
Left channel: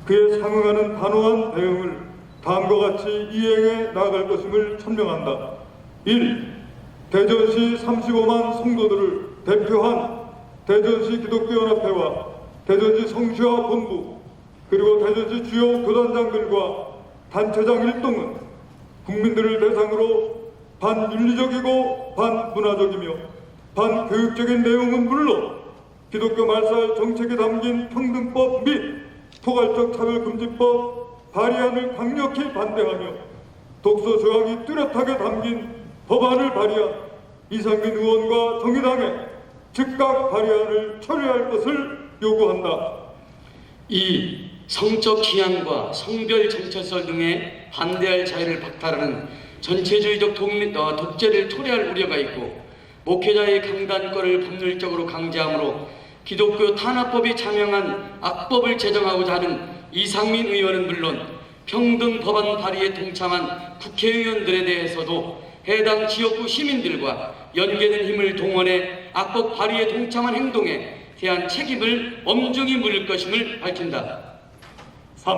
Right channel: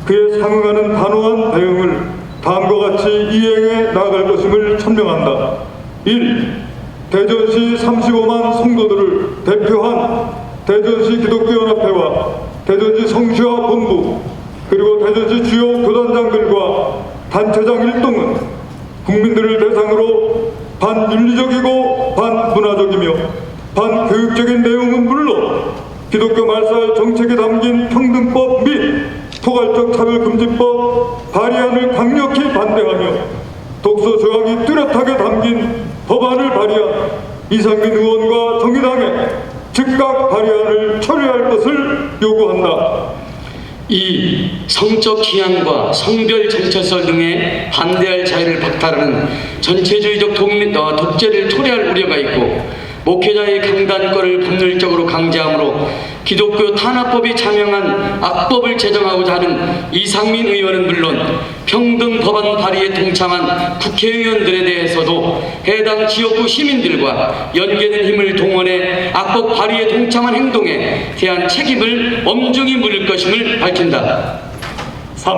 그에 상응하는 단호한 대응을 다음과 같이 이행해 나아갈 것임을 천명한다. 1. 대전시 35만 성도들을 대표한 대전시 기독교연합회와 대전시 성시화 본부 그리고 대전시 주요 교단장들과 단체장 일동은 국민들을 대상으로 반윤리적이고 반문화적이며 반교육적인 내용은 물론 기독교 말살 정책에 담긴 평등법 및 포괄적 차별금지법 발의안을 강력히 반대하며 독소 조항이 뚜렷하게 담긴 법안을 발의한 이상민 의원과 정의당에 즉각 발의안을 처리할 것을 요구한다. 2. 성적 취향과 성별 정체설 등에 반대할 자유를 박탈하는 전체주의적 독재를 토래할 우려가 있고 목회자의 강단권을 법률적으로 강제함으로 기독교 탄압법이 자명한 악법을 제정하고자 하는 이상민 의원은 물론 평등 법안 발의에 동참한 국회의원들에 대해서도 해당 지역구 시민들과 연계된 힘을 동원해 악법 발의에 동참한 행동에 대한 책임을 엄중히 물을 것임을 밝힌다. 3.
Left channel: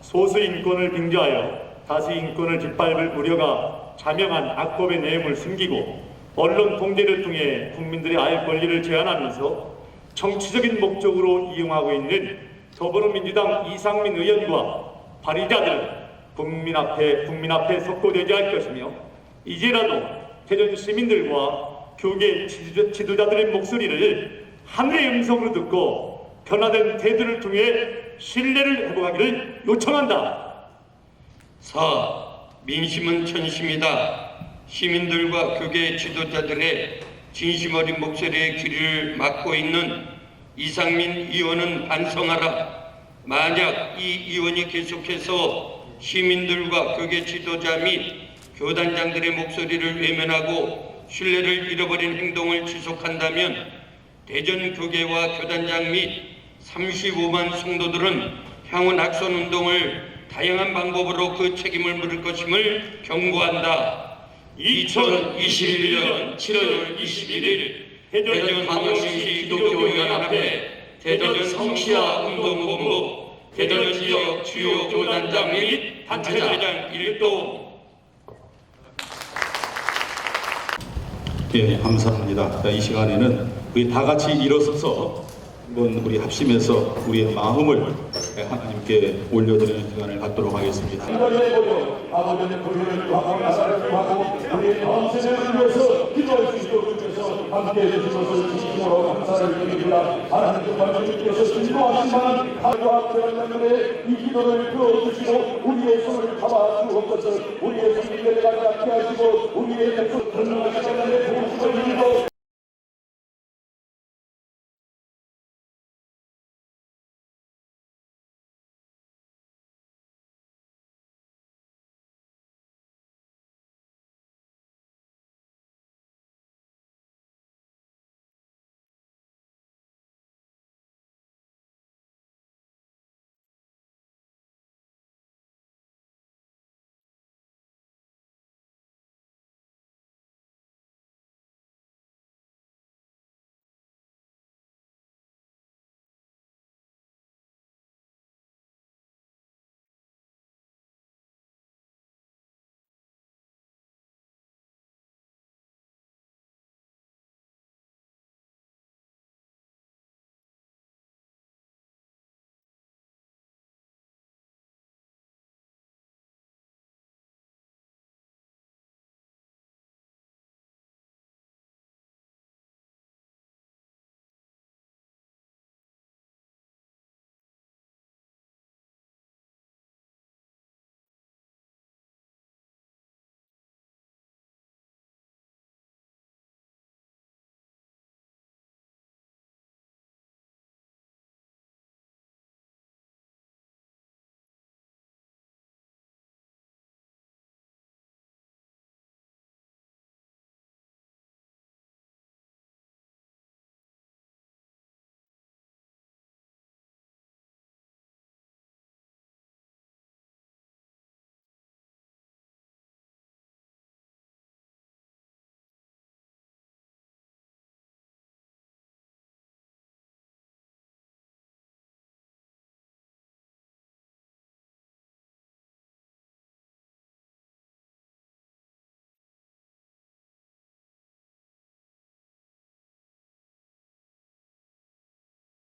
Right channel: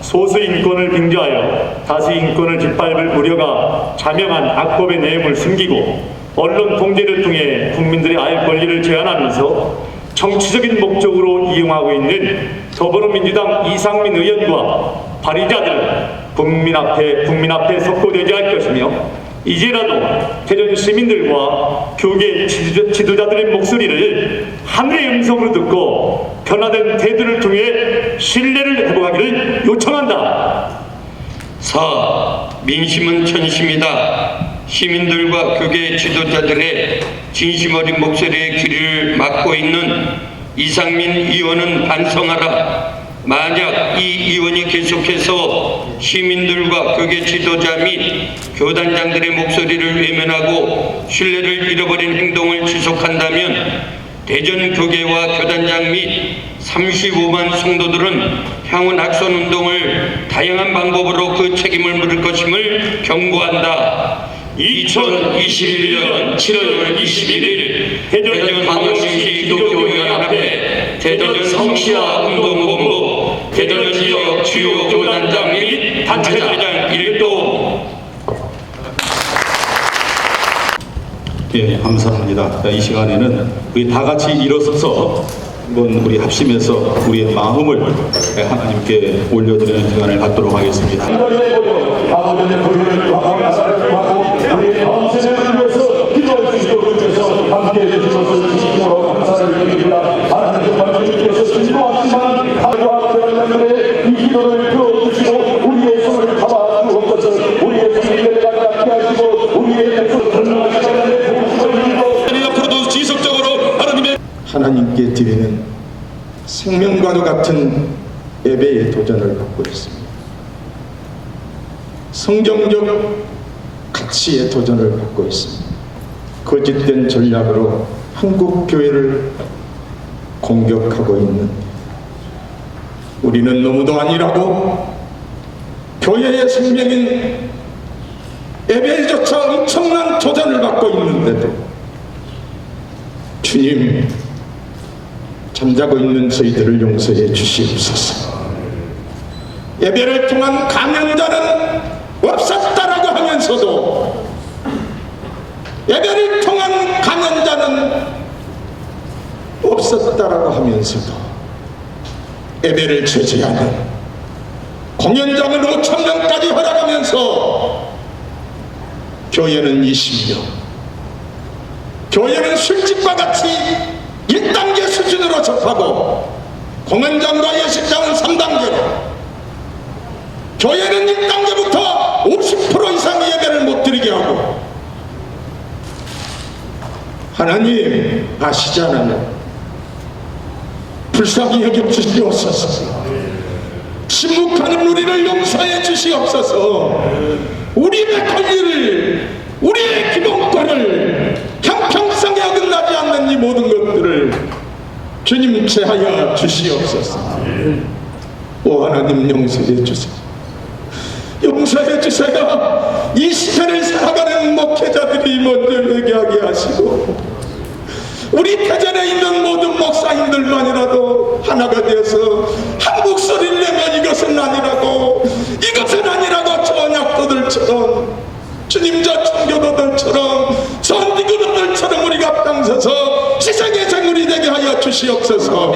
소수 인권을 빙자하여 다수 인권을 짓밟을 우려가 자명한 악법의 내용을 숨기고 언론 통제를 통해 국민들의 알 권리를 제한하면서 정치적인 목적으로 이용하고 있는 더불어민주당 이상민 의원과 발의자들 국민 앞에 석고되지 할 것이며 이제라도 대전 시민들과 교계 지도자들의 목소리를 하늘의 음성으로 듣고 변화된 태도를 통해 신뢰를 회복하기를 요청한다. 4. 민심은 천심이다. 시민들과 교계 지도자들의 진심 어린 목소리에 귀를 막고 있는 이상민 의원은 반성하라. 만약 이 의원이 계속해서 시민들과 교계 지도자 및 교단장들의 목소리를 외면하고 신뢰를 잃어버린 행동을 지속한다면 대전 교계와 교단장 및 35만 성도들은 향후 낙선운동을 다양한 방법으로 그 책임을 물을 것임을 경고한다. 2021년 7월 21일 대전 광역시 기독교연합회 대전 성시화 운동본부 대전 지역 주요 교단장 및 단체장 일동. 예, 감사합니다. 이 시간에는 우리 다 같이 일어서서 한번 우리 합심해서 우리의 마음을 하나님께 올려드리는 시간을 갖도록 하겠습니다. 우리 마음새를 위해서 기도할 수 있도록 주셔서 함께해 주신 것을 진심으로 감사를 드립니다. 하나님 정말 주님께서 진노하시는 가족과 교단장들의 이 기도를 들어주시고 우리의 손을 잡아 주옵소서. 우리의 손을 내려가지 않게 하시고 우리의 목소리를 건너가시는 복음을 앞으로도 지속적으로 하나님께 드리는 생명과도 같은 예배의 도전을 받고 있습니다. 성경적 가치의 도전을 받고 있습니다. 거짓된 전략으로 한국 교회를 공격하고 있는 우리는 너무도 아니라고 교회의 생명인 예배조차 엄청난 도전을 받고 있는데도 주님 잠자고 있는 저희들을 용서해 주시옵소서. 예배를 통한 감염자는 없었다라고 하면서도 예배를 통한 감염자는 없었다라고 하면서도 예배를 제재하는 공연장을 5,000명까지 허락하면서 교회는 20명, 교회는 술집과 같이 1단계 수준으로 접하고 공연장과 예식장은 3단계로 교회는 1단계부터 50% 이상의 예배를 못 드리게 하고 하나님 아시잖아요. 불쌍히 여겨 주시옵소서. 침묵하는 우리를 용서해 주시옵소서. 우리의 권리를 우리의 기본권을 형평성에 어긋나지 않는 이 모든 것들을 주님 제하여 주시옵소서. 오 하나님 용서해 주세요. 용서해 주세요. 이 시간을 살아가는 목회자들이 먼저 회개하게 하시고 우리 대전에 있는 모든 목사님들만이라도 하나가 되어서 한 목소리를 내면 이것은 아니라고 저 언약도들처럼 주님 저 청교도들처럼 저 니그노들처럼 우리가 앞장서서 세상의 생물이 되게 하여 주시옵소서.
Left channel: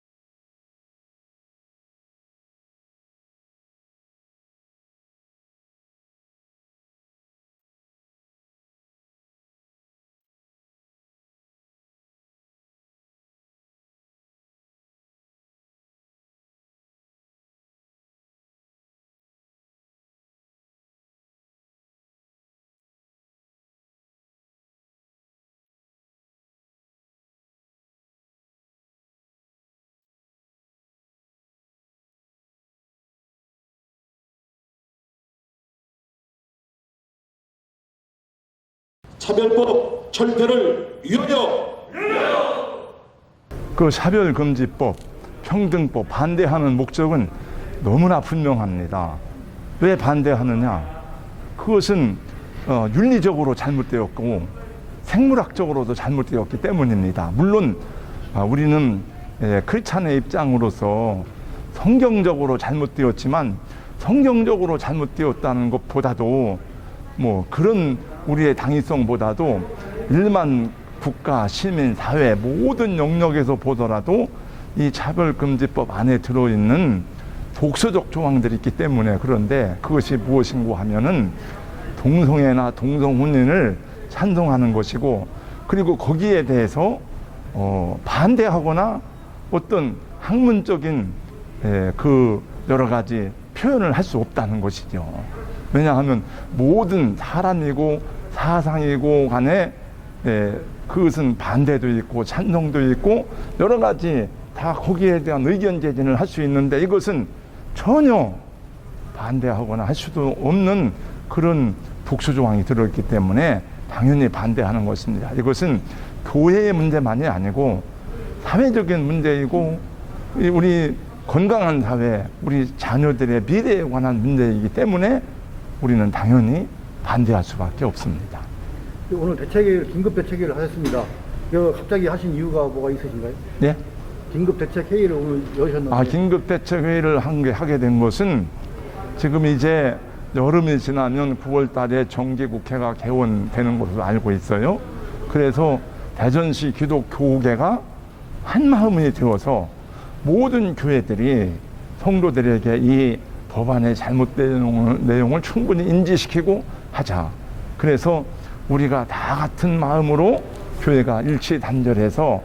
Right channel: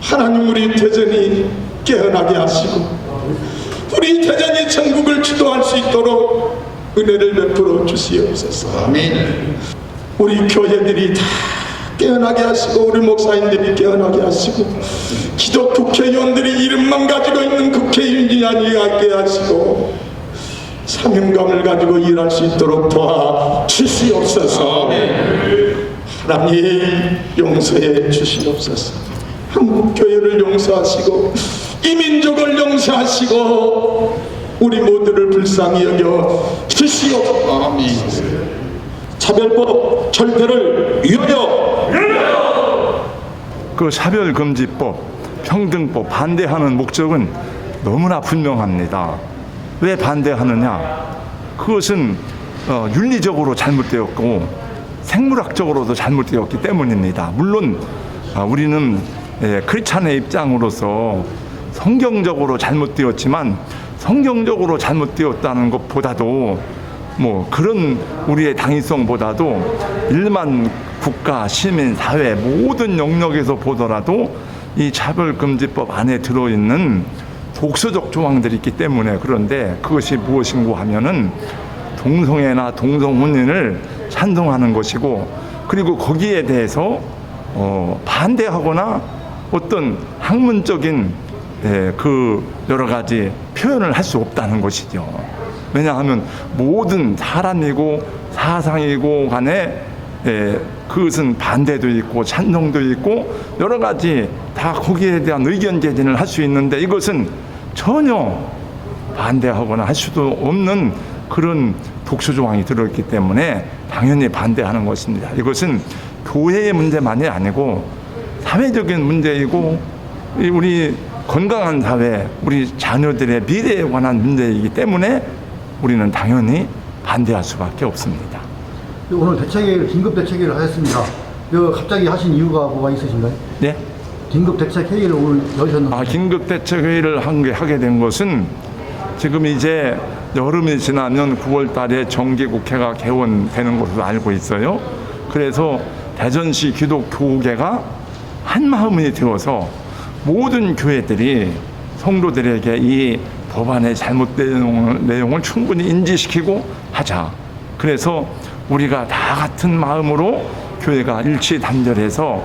하나님 우리 대전이 깨어나게 하시고 우리 대전이 전국을 주도할 수 있도록 은혜를 베풀어 주시옵소서. 우리 교회들이 다 깨어나게 하시고 우리 목사님들이 깨어나게 하시고 기독 국회의원들이 이름만 가지고 있는 국회의원이 아니게 하시고 사명감을 가지고 일할 수 있도록 도와주시옵소서. 하나님 용서해 주시옵소서. 한국교회를 용서하시고 이 민족을 용서하시고 우리 모두를 불쌍히 여겨 주시옵소서. 차별법 철폐를 위하여 그 차별금지법, 평등법 반대하는 목적은 너무나 분명합니다. 왜 반대하느냐? 그것은 윤리적으로 잘못되었고 생물학적으로도 잘못되었기 때문입니다. 물론 우리는 크리스찬의 입장으로서 성경적으로 잘못되었지만 성경적으로 잘못되었다는 것보다도 그런 우리의 당위성보다도 일반 국가, 시민, 사회 모든 영역에서 보더라도 이 차별금지법 안에 들어있는 독서적 조항들이 있기 때문에 그런데 그것이 무엇인고 하면은 동성애나 동성혼인을 찬성하는 것이고 그리고 거기에 대해서 반대하거나 어떤 학문적인 그 여러 가지 표현을 할 수 없다는 것이죠. 왜냐하면 모든 사람이고 사상이고 간에 그것은 반대도 있고 찬성도 있고 여러 가지 다 거기에 대한 의견 제기를 할 수 있는데 이것은 전혀 반대하거나 할 수도 없는 그런 독소 조항이 들어있기 때문에 당연히 반대하는 것입니다. 이것은 교회의 문제만이 아니고 사회적인 문제이고 우리 건강한 사회, 우리 자녀들의 미래에 관한 문제이기 때문에 우리는 당연히 반대할 수밖에 없습니다. 오늘 대책회의를 긴급 대책회의를 하셨습니다. 갑자기 하신 이유가 뭐가 있으신가요? 네? 긴급 대책회의를 오늘 여셨는데. 긴급 대책회의를 하게 된 것은 지금 이제 여름이 지나면 9월 달에 정기국회가 개원되는 것으로 알고 있어요. 그래서 대전시 기독교계가 한마음이 되어서 모든 교회들이 성도들에게 이 법안의 잘못된 내용을 충분히 인지시키고 하자. 그래서 우리가 다 같은 마음으로 교회가 일치단결해서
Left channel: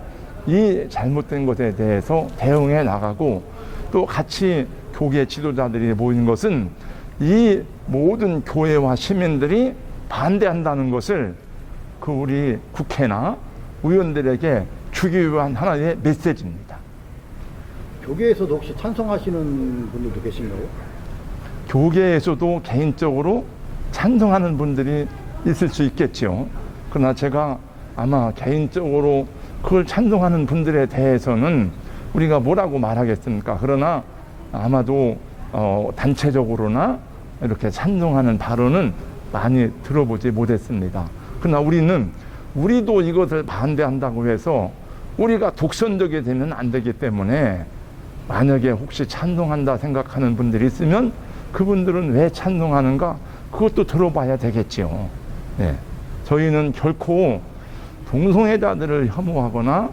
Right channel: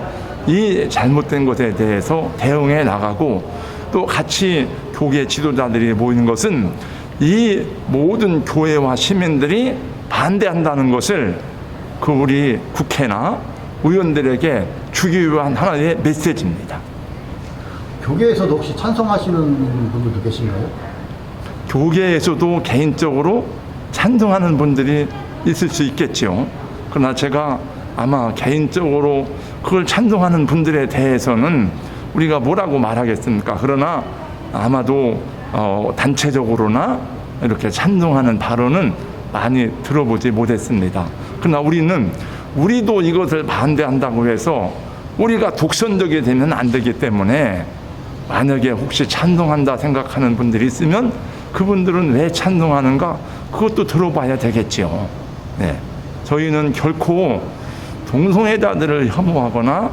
이 잘못된 것에 대해서 대응해 나가고 또 같이 교계 지도자들이 모인 것은 이 모든 교회와 시민들이 반대한다는 것을 그 우리 국회나 의원들에게 주기 위한 하나의 메시지입니다. 교계에서도 혹시 찬성하시는 분들도 계신가요? 교계에서도 개인적으로 찬성하는 분들이 있을 수 있겠죠. 그러나 제가 아마 개인적으로 그걸 찬성하는 분들에 대해서는 우리가 뭐라고 말하겠습니까? 그러나 아마도 단체적으로나 이렇게 찬성하는 발언은 많이 들어보지 못했습니다. 그러나 우리도 이것을 반대한다고 해서 우리가 독선적이 되면 안 되기 때문에 만약에 혹시 찬성한다 생각하는 분들이 있으면 그분들은 왜 찬성하는가 그것도 들어봐야 되겠지요. 네. 저희는 결코 동성애자들을 혐오하거나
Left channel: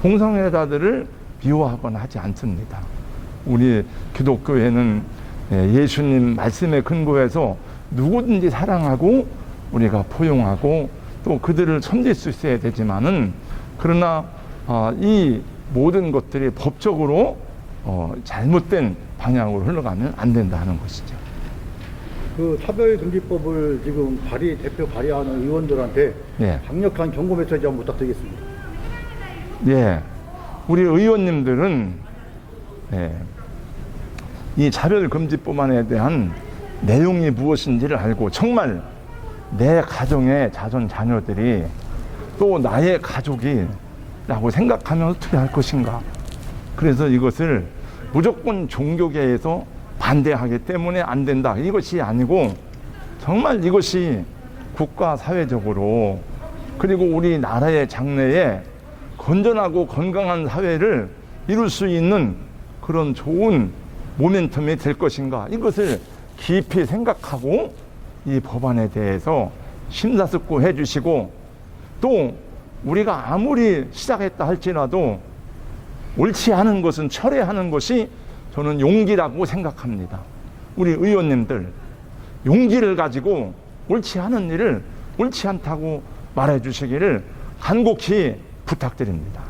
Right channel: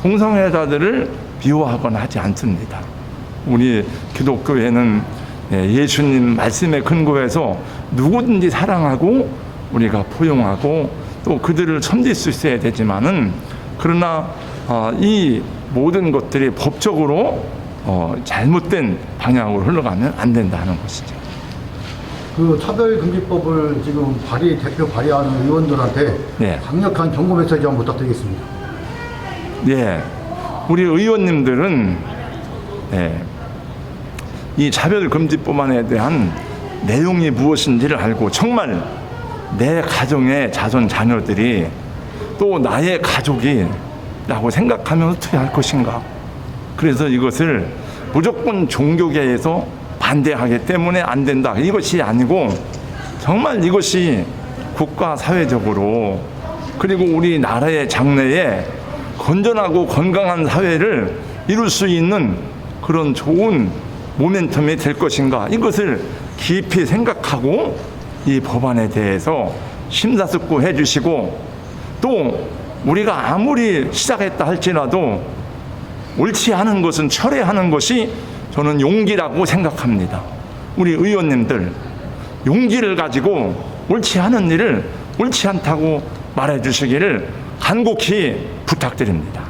동성애자들을 비호하거나 하지 않습니다. 우리 기독교회는 예수님 말씀에 근거해서 누구든지 사랑하고 우리가 포용하고 또 그들을 섬길 수 있어야 되지만은 그러나 이 모든 것들이 법적으로 잘못된 방향으로 흘러가면 안 된다는 것이죠. 그 차별금지법을 지금 대표 발의하는 의원들한테 네. 강력한 경고 메시지 한번 부탁드리겠습니다. 네, 우리 의원님들은 이 차별금지법안에 대한 내용이 무엇인지를 알고 정말 내 가정의 자손 자녀들이 또 나의 가족이 라고 생각하면 어떻게 할 것인가. 그래서 이것을 무조건 종교계에서 반대하기 때문에 안 된다, 이것이 아니고 정말 이것이 국가 사회적으로 그리고 우리나라의 장래에 건전하고 건강한 사회를 이룰 수 있는 그런 좋은 모멘텀이 될 것인가, 이것을 깊이 생각하고 이 법안에 대해서 심사숙고해 주시고, 또 우리가 아무리 시작했다 할지라도 옳지 않은 것은 철회하는 것이 저는 용기라고 생각합니다. 우리 의원님들 용기를 가지고 옳지 않은 일을 옳지 않다고 말해 주시기를 간곡히 부탁드립니다.